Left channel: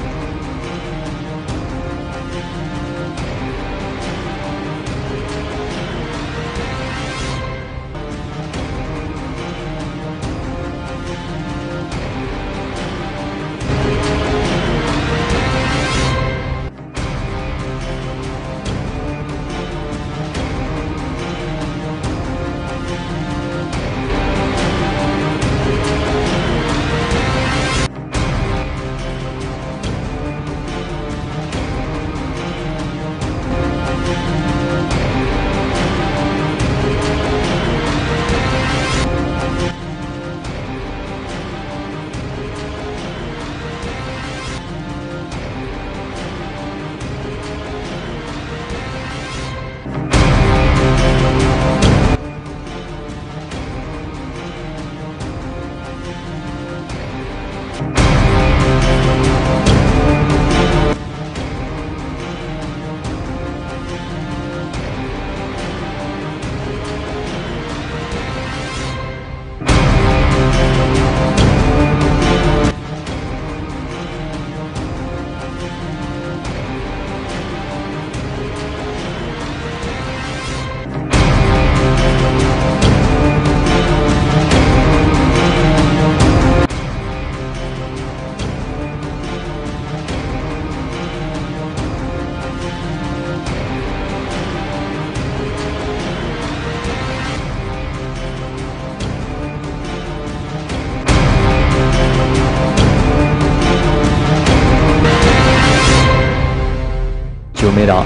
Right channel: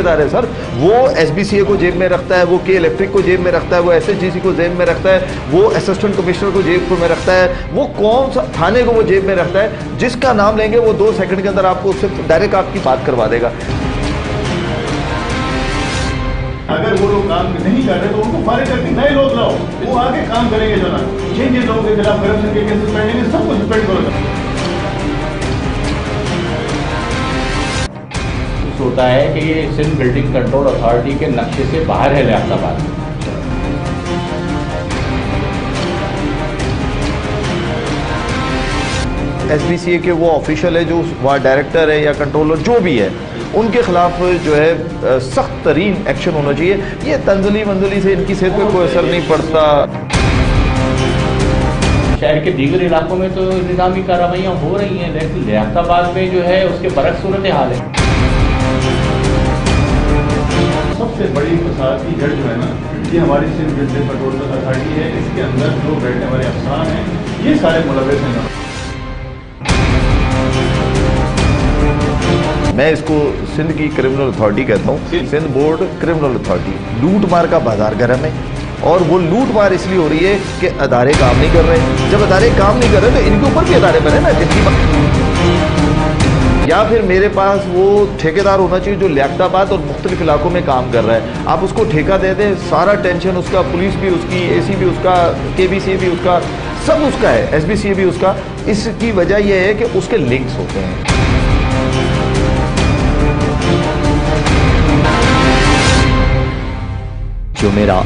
ठेकेदार है सर। वो SBCA को जेब में रखता है, वो के इलेक्ट्रिक को जेब में रखता है, वो SHGC को जेब में रखता है, वो असिस्टेंट कमिश्नर को जेब में रखता है, वो कौन सा थाने को वो जेब में रखता है। जिसका नाम लेंगे वो 2 सेकंड के अंदर आपको उससे डायरेक्ट आपकी बात करवा देगा। अगर वो लोग काम नहीं कर रहे तो उनको फारिग करके नए लोग लाओ, वो आगे काम करेंगे। जरा जिन लोगों के खिलाफ करप्शन के केसेस पहले सबको सस्पेंड करो। होता है कि ये सिंध बिल्डिंग कंट्रोल अथॉरिटी के नक्शे से बाहर है लियाकताबाद। SBCA के वो ऑफिशियल है जो वहाँ डायरेक्टर है या कंट्रोलर जो भी है, उनके खिलाफ जो है सख्त तरीन एक्शन होना चाहिए। ये तंजली मंजली से इनकी सेहत पर कोई असर नहीं पड़ता। शहर के दीगर इलाकों में तो निज़ामी कार्रवाइयाँ हो रही हैं, लेकिन लियाकताबाद में जो है उसके बरक्स सूरत हाल है। सबसे बड़ी फसाद की जड़ जो है ना, ये हमारी सिंध बिल्डिंग कंट्रोल अथॉरिटी है। इसके अंदर जो बैठने वाले अफसरान हैं ये सारे मुलव्वस हैं। मैं इसको सिंध की क्रिमिनल अथॉरिटी कहता हूँ। सिंध बोर्ड क्रिमिनल अथॉरिटी लूट मार का बाजार गर्म है, और वो लूट मार इसलिए हो रही है कि अदारे काम नहीं कर रहे। जब अदारे काम नहीं कर रहे तो इनके ऊपर भी अदारे करें ना। या फिर मेरे पास वो ठेकेदार होना चाहिए जो लियाकताबाद और मुख्तलिफ इलाकों में काम कर रहा है। आप उसको ठेका दे दें, सारा टेंशन उसका, पुलिस भी उसकी, AC भी उसका, KBC भी उसका, सब उसका है, SBCA भी उसका। इसकी वजह यह है कि उसके लिंक्स होते हैं। जो मेरा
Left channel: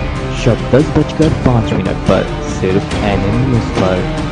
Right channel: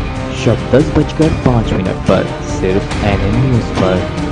शब 10:05 पर सिर्फ NN न्यूज़ पर।